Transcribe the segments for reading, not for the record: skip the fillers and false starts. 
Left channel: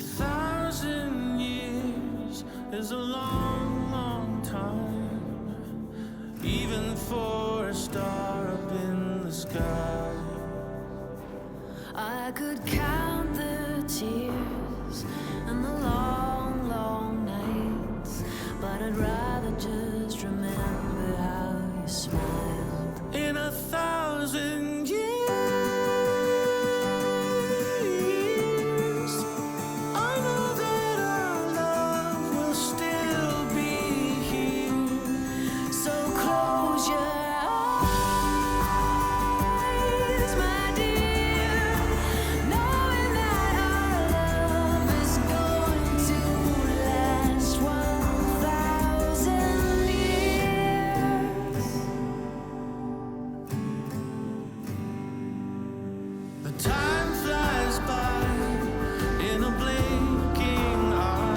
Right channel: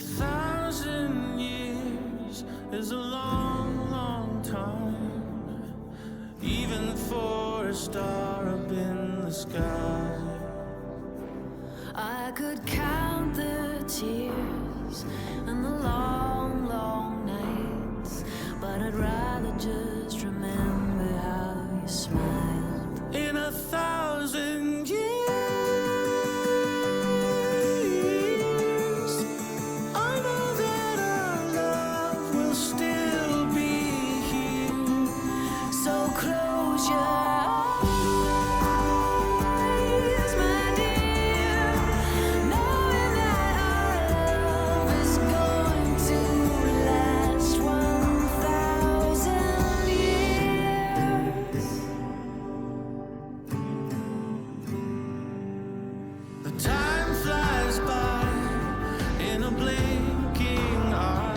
1,000 years is a long, long time, even for a star up in the sky. I could count the tears and the long, long nights, but I'd rather just remember how you smiled. In 1,000 years, I know that our love will still be here. So close your eyes, my dear, knowing that our love is going to last 1,000 years. The time flies by in a blinking eye.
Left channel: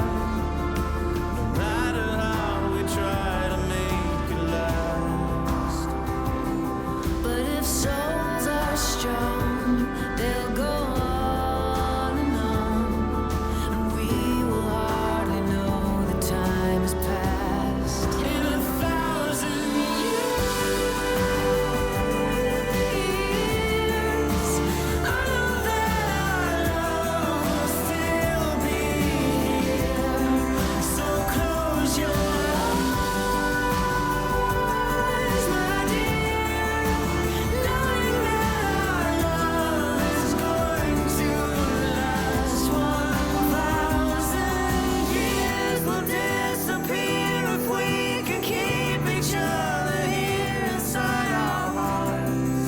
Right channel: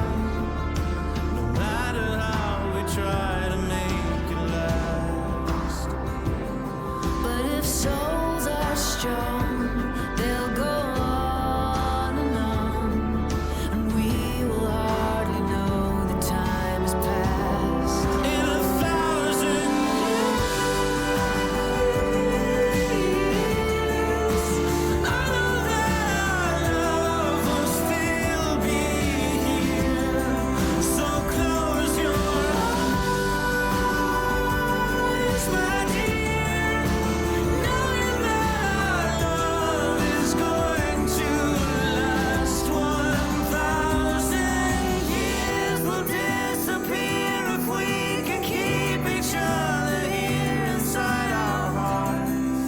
No matter how we try to make it last. But if souls are strong, they'll go on, and we will hardly know the time has passed. In 1,000 years, I know that our love will still be here. So close your eyes, my dear, knowing that our love is going to last 1,000 years. Will disappear if we can keep each other here inside our hearts.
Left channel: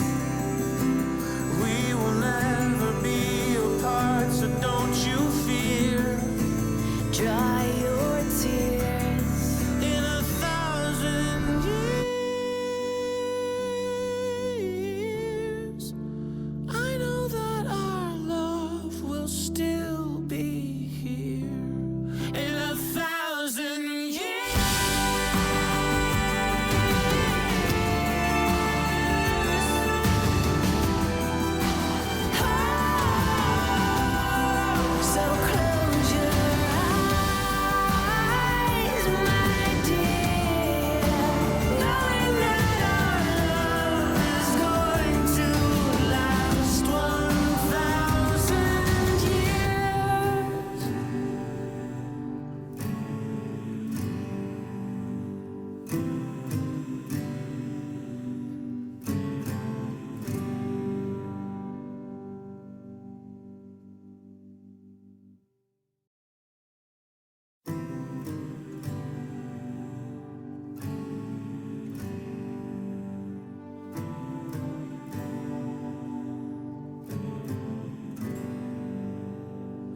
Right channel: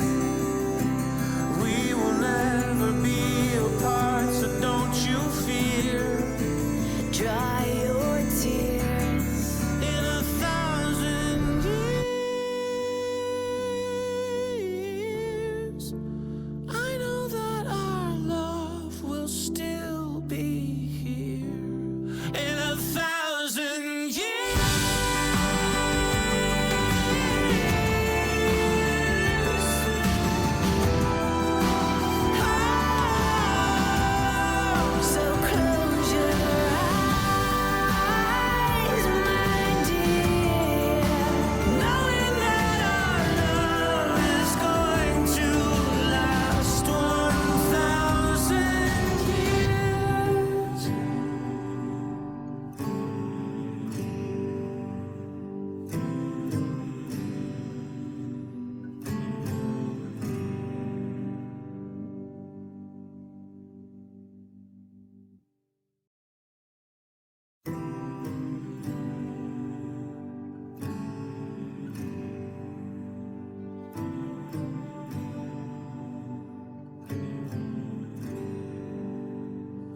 We will never be apart, so don't you fear. Dry your tears. In 1,000 years, I know that our love will still be here. In 1,000 years. So close your eyes, my dear, Knowing that our love is going to last 1,000 years.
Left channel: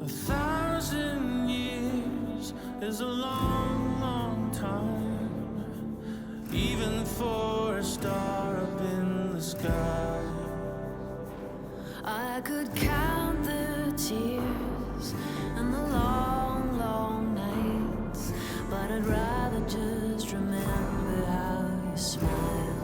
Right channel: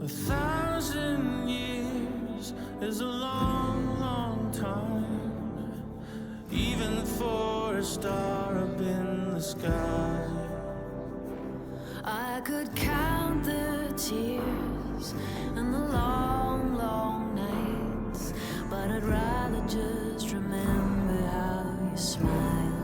A 1,000 years is a long, long time, even for a star up in the sky. I could count the tears and the long, long nights, but I'd rather just remember how you smiled.